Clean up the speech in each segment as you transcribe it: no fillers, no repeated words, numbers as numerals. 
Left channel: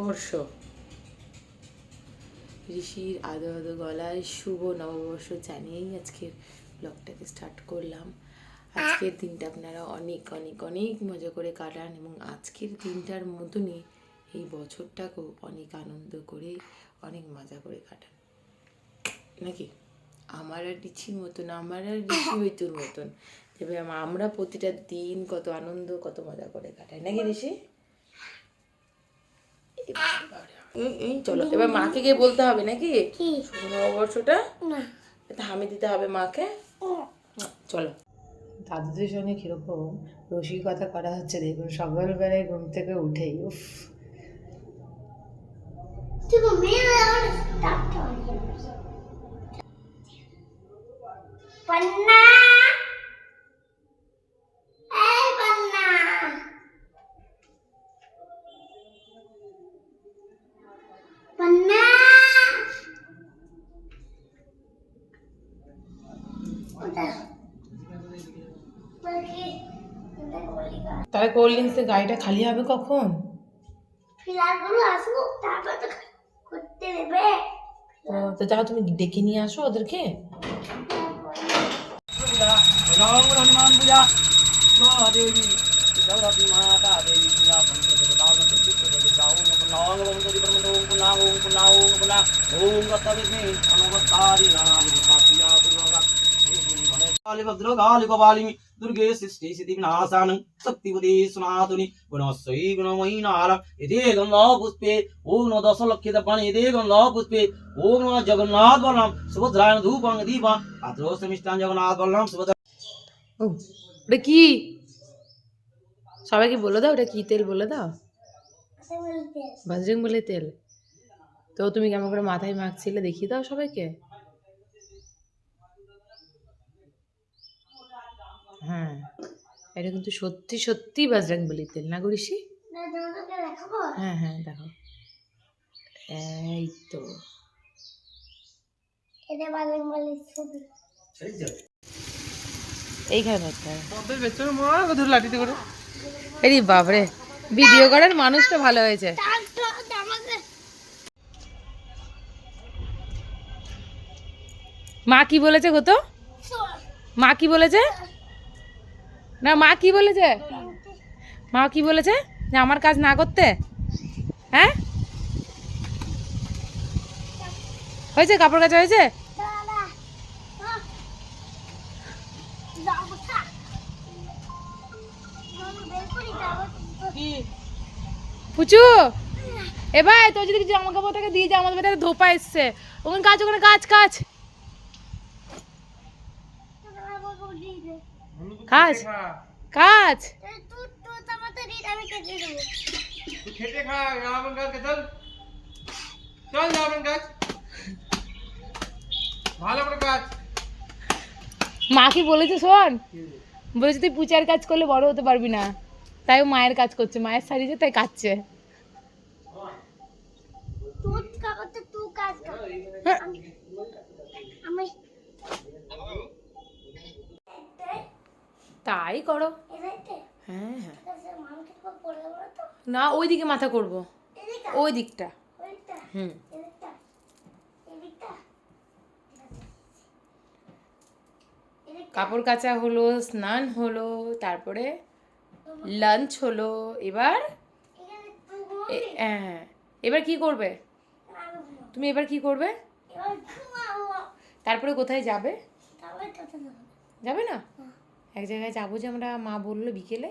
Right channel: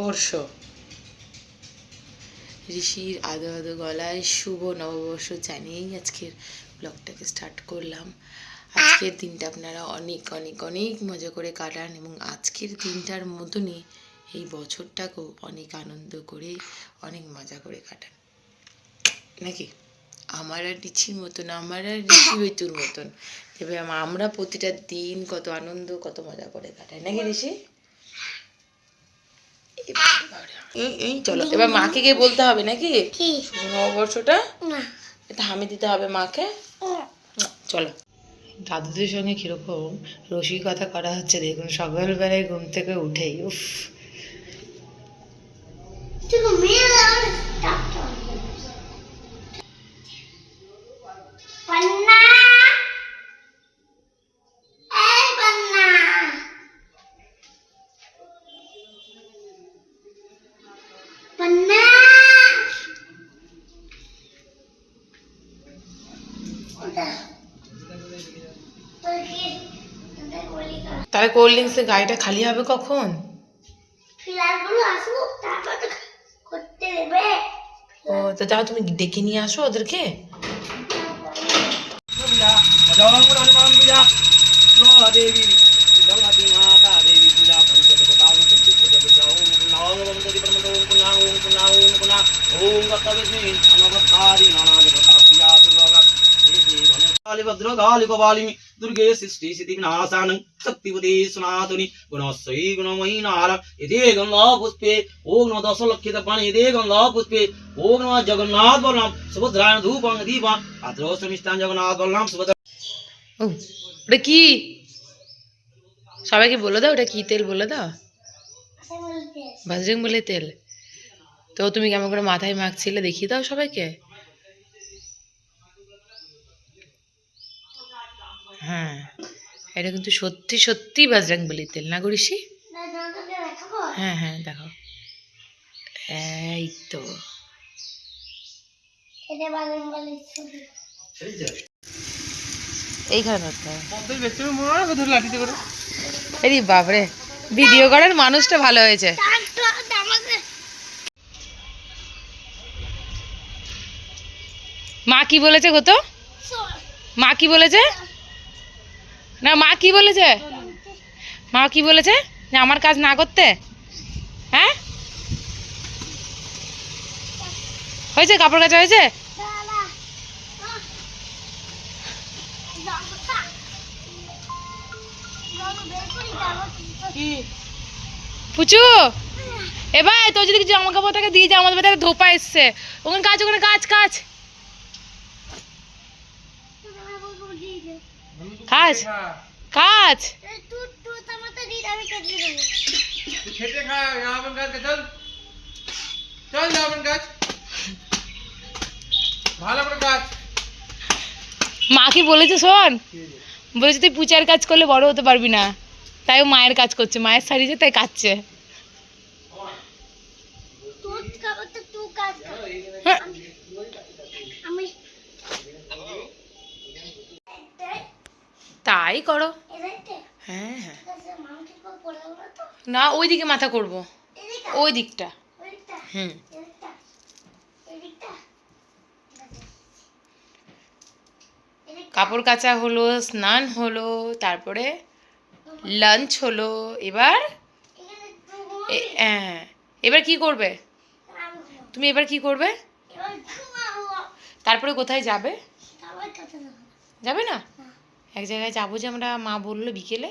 বর্ষ। ঋষির আদো আদো গলায় শুভ নববর্ষ জানিয়েই আজকের ব্লগটাকে স্টার্ট করলাম। আজকের দিনটা আপনারা অনেক অনেক অনেক মজা করে কাটান এবং আজকের দিনটার মতনই এই বছরটাকেও অনেক আনন্দ করে অনেক মজা করে কাটান, নাকি? আমার আর ঋষির মতন, আমার আর ঋষি হইতুর মতন তবে আমরা প্রতিটা দিন কত আনন্দ কত মজা করে কাটাই, নাকি ঋষি? এই চলো এবার মাকে গিয়ে বলতে হবে, নাকি শুভ নববর্ষটা এটা হামি দিতে হবে মাকে। চলো, দাদুদের সঙ্গে কিরকম রসিকতা করা হচ্ছে দেখুন, সকালবেলায় ঘুম থেকে উঠেই উফ। তাহলে কোল্ড ড্রিঙ্কসের গাড়িটা খালি হবে কখন? ও তো যাও, তুমি ডেকে নিয়ে আসো ওদেরকে। दुर्गे सृष्टि सिद्धि विनाशानं शक्तिपदे सनातनि गुणश्री गुणमयी नार यदे गंगा पुष्पे ओम नमः दशलक्षित बाण यदे गंगा पुष्पे ओम नमः जगन्नाथ बलराम सुभद्रायण धूपं दीपं आद्रोष्टमिष्टान जगन्नाथ बलराम सुभद्रा। ও ওটা কি? সবাইকে বলে দাও ওটা কি তেল, বলে দাও। বজরং বলি তেল। তো তুমি কেমন করে মাথায় মাখছিলে দেখিয়ে দাও সবাইকে। হ্যাঁ, এটা কিন্তু সত্যি সত্যি বজরং বলি তেল, না গো ঋষি? হ্যাঁ হ্যাঁ দেখো, এই তো এইখানে ধরতে হবে। এই বাবরে, ভিডিও করার মানুষটা ভালো হয়েছে। মা কি বলেছে গো? তো মা কি বলেছে? না মা কি বলেছে? মা কি বলেছে যে আমার কাজ না করতে? হ্যাঁ হয়েছে, কাপড় কাচা হয়েছে? পুচু এবার তোর যদি কিছু জামা কাপড় থাকে দিয়ে যা, আমাদের বাড়িতে ধোপা এসছে, ওখানে কাজ, ওখানে কাজ কাজ কাজ কাজ। মা কি বলেছে শোন, বলেছে তুই পূজার কাজ করলে বড় হতে পারবি না, তাই ও মায়ের কাজ করছে, মায়ের শাড়িতে তাই কাচ্ছে। তাই করো। হ্যাঁ হ্যাঁ, না ওই দিকে মাথা করব, ওই দিকটা। হুম, কাপড় কাচা হলো, স্নান হলো, তারপরে লাঞ্চ হলো। এবার হ্যাঁ, এবার কি করবে তুমি? এবার কি করবে? তারপরে কোথায় যাবে? যাবে না? এক জায়গায় যাবো যে আমরা, মা বললো বিকেলে।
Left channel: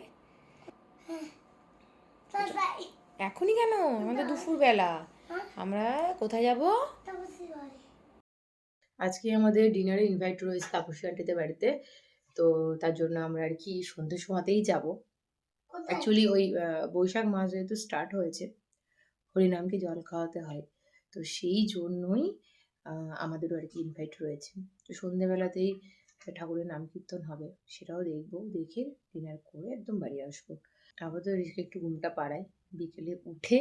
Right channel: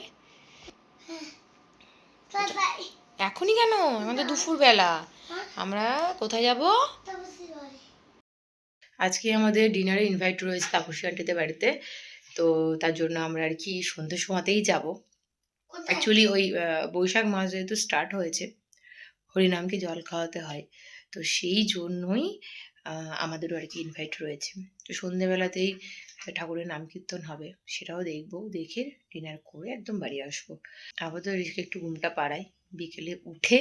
এখনই কেন? আমাদের দুপুর বেলা। আমরা কোথায় যাব? আজকে আমাদের ডিনারে ইনভাইট রয়েছে তাপসী আন্টিদের বাড়িতে, তো তার জন্য আমরা আর কি সন্ধ্যের সময়তেই যাব। অ্যাকচুয়ালি ওই বৈশাখ মাস যেহেতু স্টার্ট হয়েছে, হরিনামকে জল খাওয়াতে হয়, তো সেই জন্যই আমাদেরও আর কি ইনভাইট রয়েছে। তো সন্ধ্যেবেলাতেই ঠাকুরের নাম কীর্তন হবে, সেটাও দেখবো, দেখে ডিনার করে একদম বাড়ি আসবো। আপাতত ঋষিকে একটু ঘুমটা পাড়াই, বিকেলে উঠে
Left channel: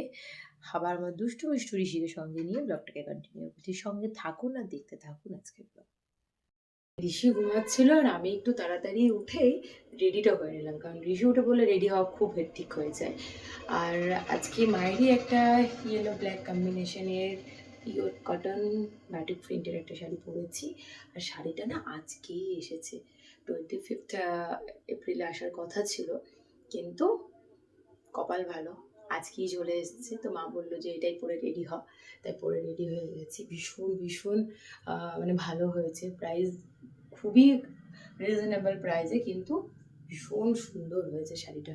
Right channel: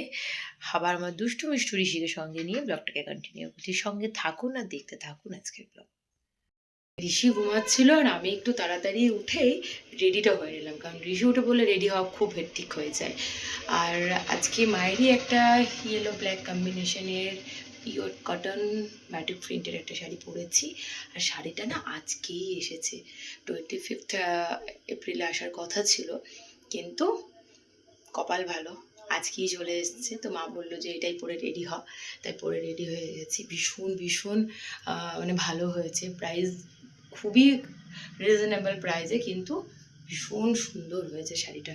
আবার আমার দুষ্টু মিষ্টু ঋষিকে সঙ্গে নিয়ে ব্লগটাকে কন্টিনিউ করছি। সঙ্গে থাকুন আর দেখতে থাকুন আজকের ব্লগ। ঋষি ঘুমাচ্ছিল আর আমি একটু তাড়াতাড়ি উঠেই রেডিটা হয়ে নিলাম, কারণ ঋষি উঠে বলে রেডি হওয়া খুব হেক্টিক হয়ে যায়। আর আজকে মায়েরই একটা ইয়েলো ব্ল্যাক কম্বিনেশনের পিওর কটন ব্যাটিক প্রিন্টের একটা শাড়ি পরেছি। আর শাড়িটা না আজকেই এসেছে, 25 এপ্রিলে আসার কথা ছিল, কিন্তু কপাল ভালো আজকেই চলে এসেছে। তো মা বললো যে এটাই পরে রেডি হ, তাই পরে রেডি হয়ে গেছি। ভীষণ ভীষণ মানে ভালো হয়েছে, প্রাইস খুবই রিজনেবল প্রাইসে, কিন্তু ভীষণ সুন্দর হয়েছে শাড়িটা।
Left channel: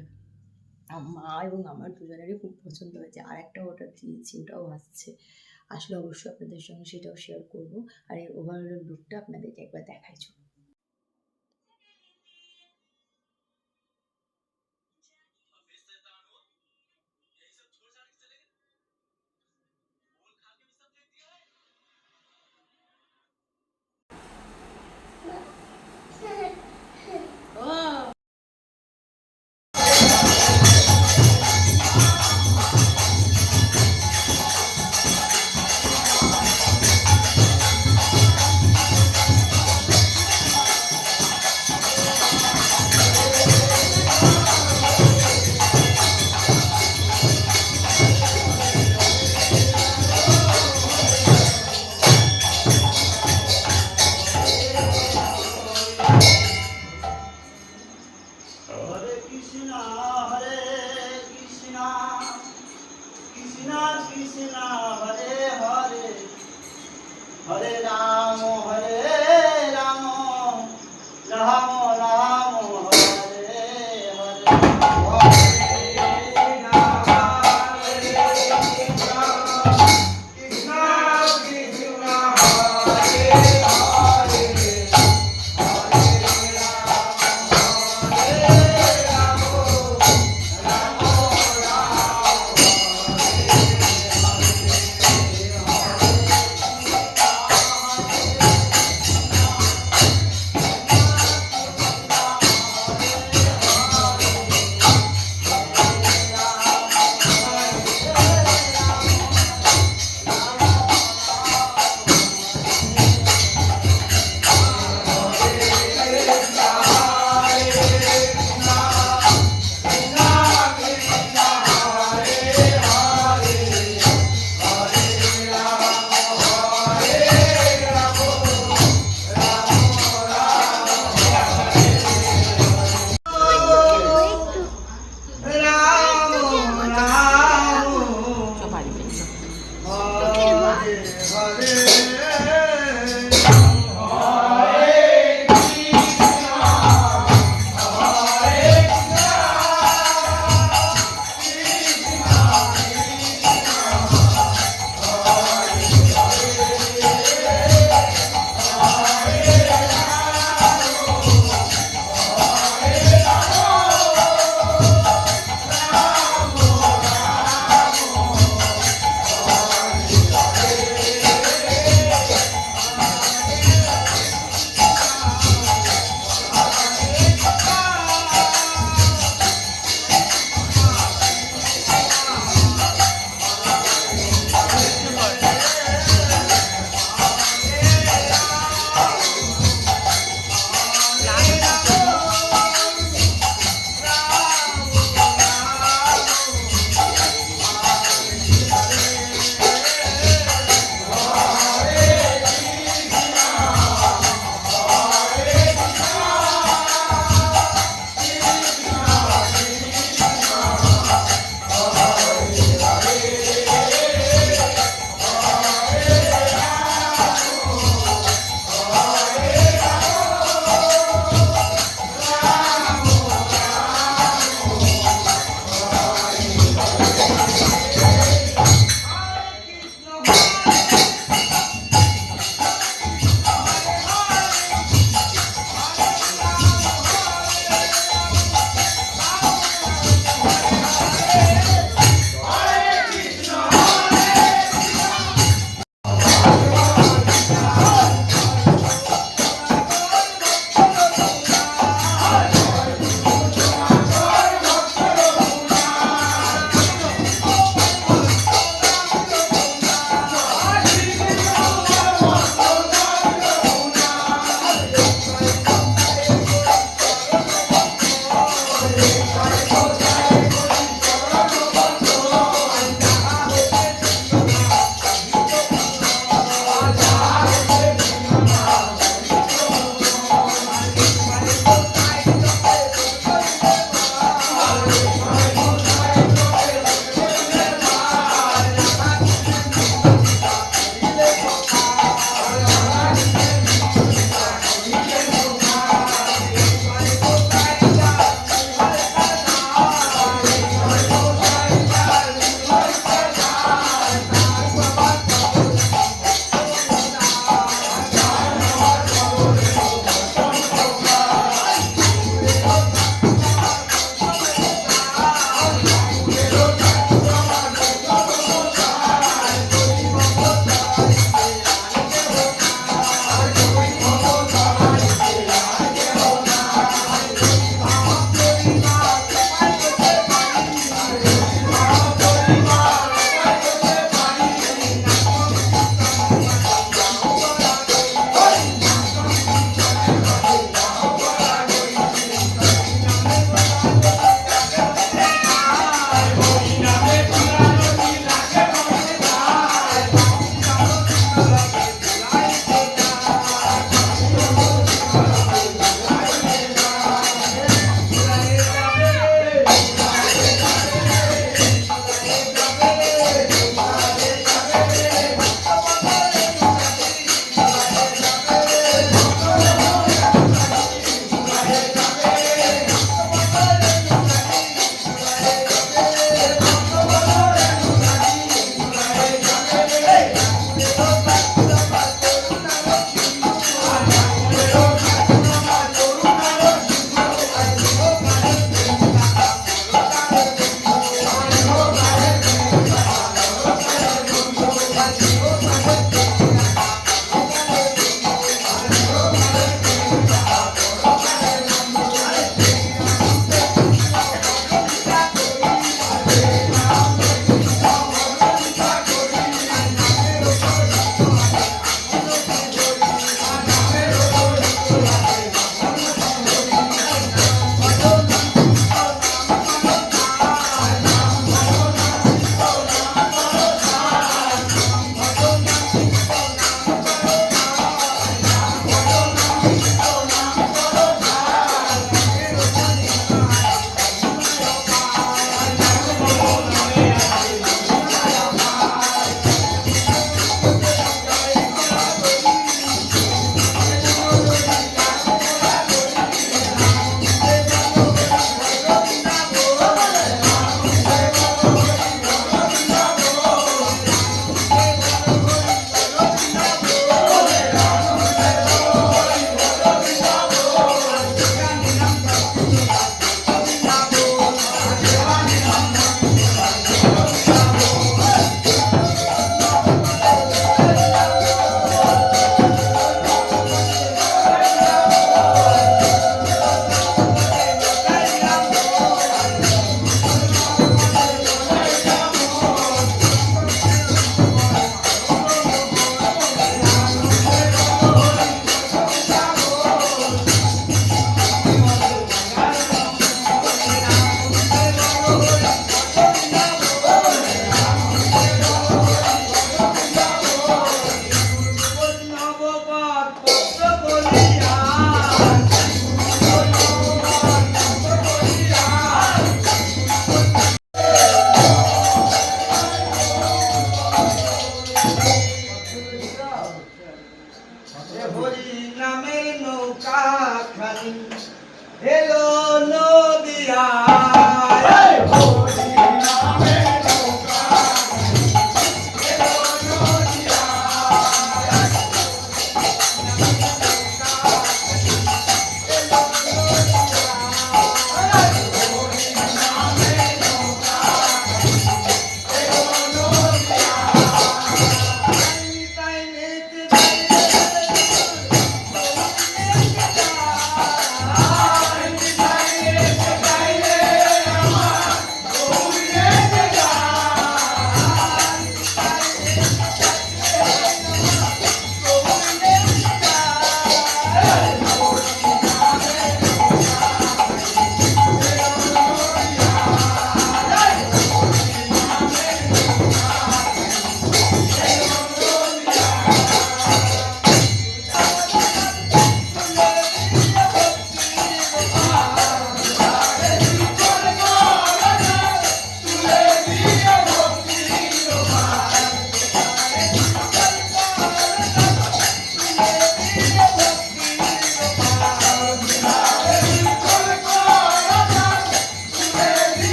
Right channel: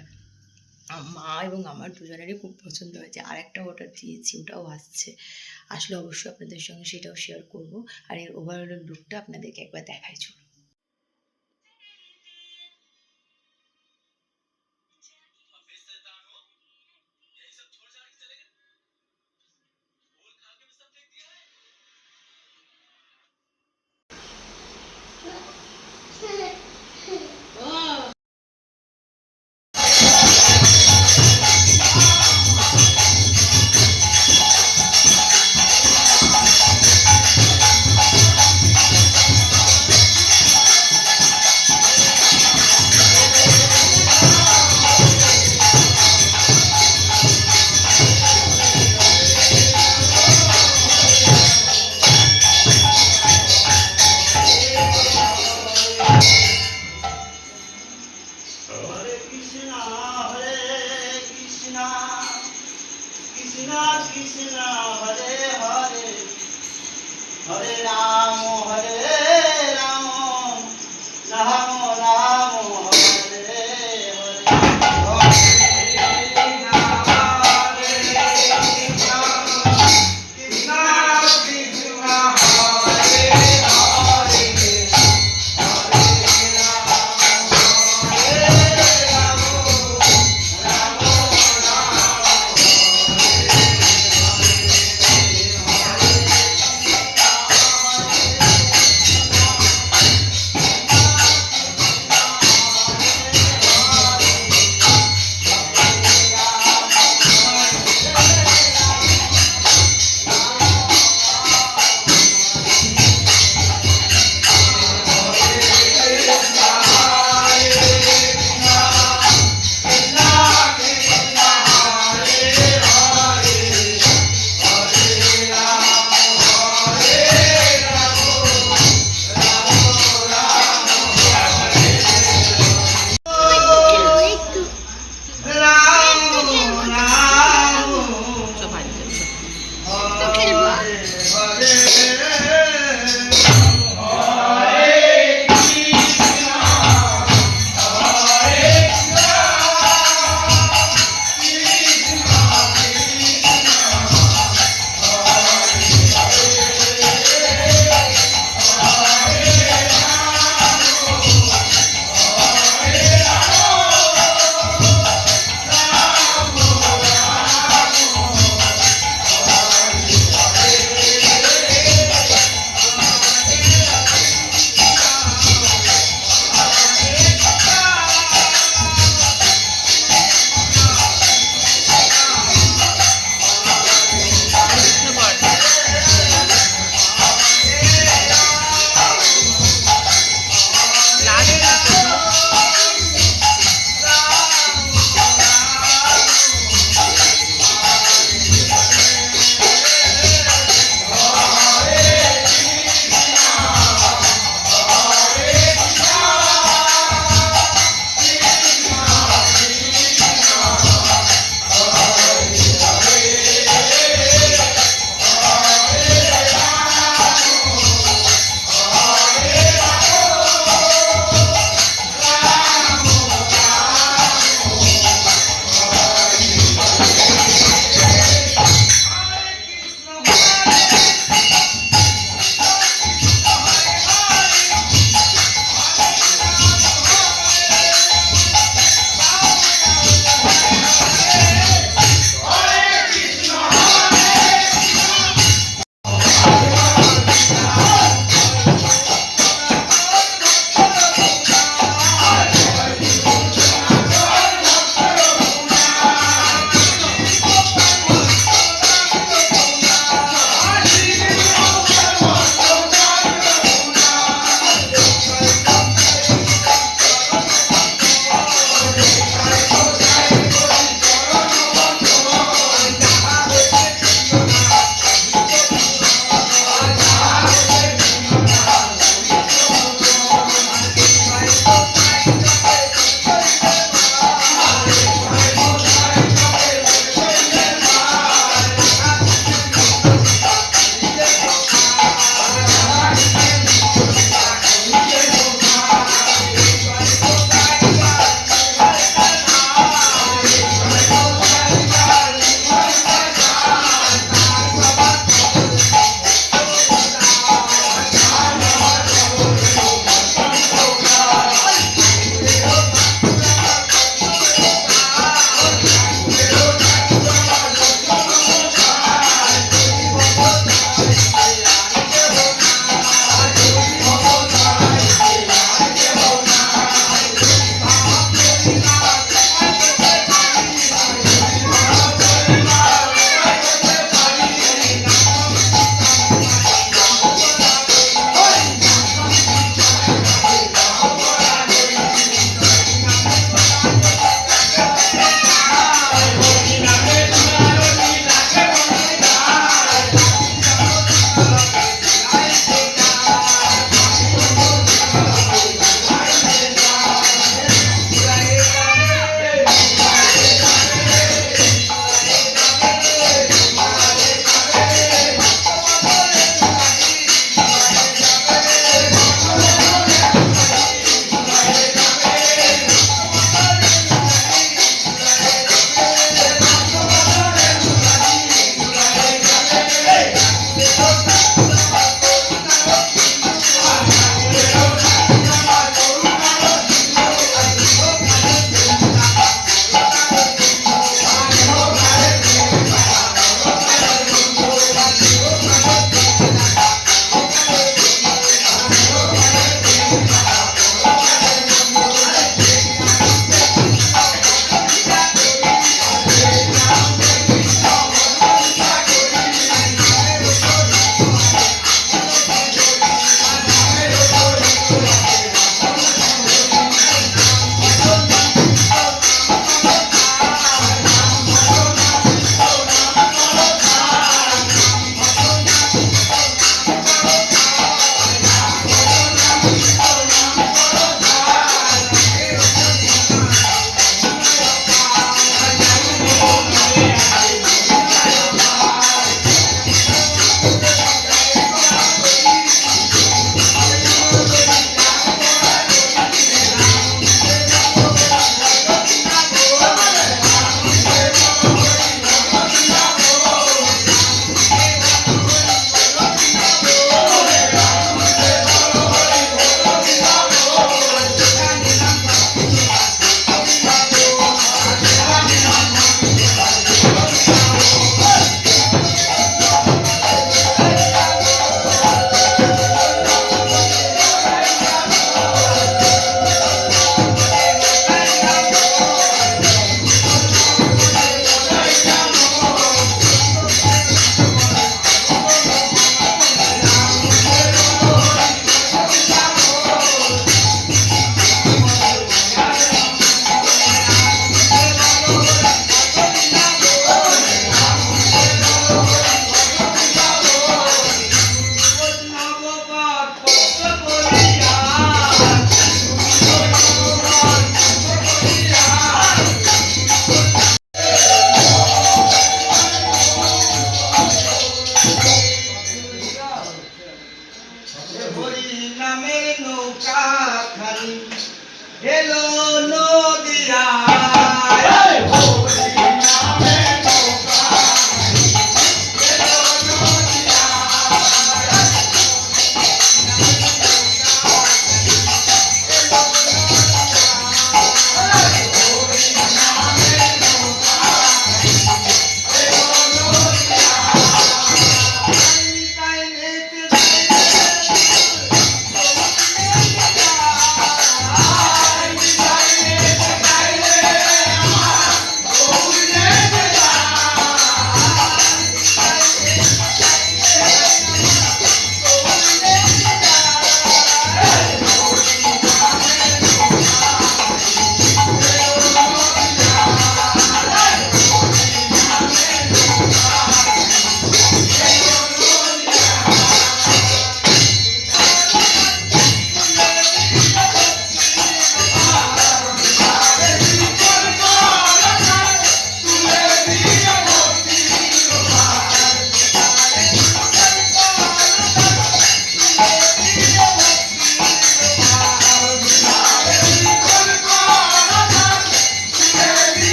মা এবং আমার দুজনেরই খুব পছন্দ হয়েছে। আর একটা অর্ডার দিয়েছি, ওটাও আসছে, আসলে অবশ্যই আপনাদের সঙ্গে সেটাও শেয়ার করব। আর এর ওভারঅল লুকটা আপনাদেরকে একবার দেখাই চলুন। Hare Krishna, Krishna Krishna, Hare Hare, Hare Rama, Rama Rama, Hare Hare.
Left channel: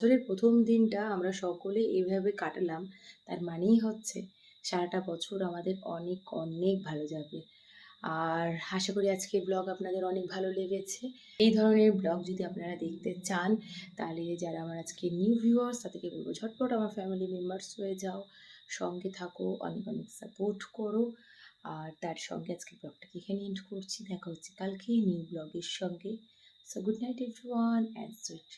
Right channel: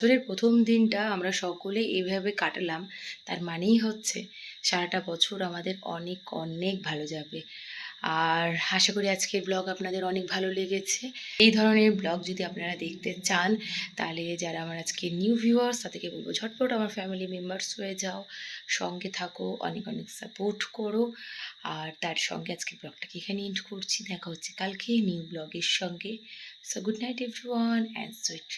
বছরের প্রথম দিনটা আমরা সকলে এইভাবে কাটালাম, তার মানেই হচ্ছে সারাটা বছর আমাদের অনেক অনেক ভালো যাবে। আর আশা করি আজকের ব্লগ আপনাদের অনেক ভালো লেগেছে। এই ধরনের ব্লগ যদি আপনারা দেখতে চান, তাহলে যারা আমার আজকে নিউ ভিউয়ার্স তাদেরকে বলবো ঝটপট আমার ফ্যামিলি মেম্বার্স হয়ে যাও, সঙ্গে থাকো, অনেক অনেক সাপোর্ট করো। আর তার সঙ্গে আজকের ব্লগটাকে এখানে এন্ড করছি। দেখা হচ্ছে কালকে নিউ ব্লগের সঙ্গে। So good night everyone and sweet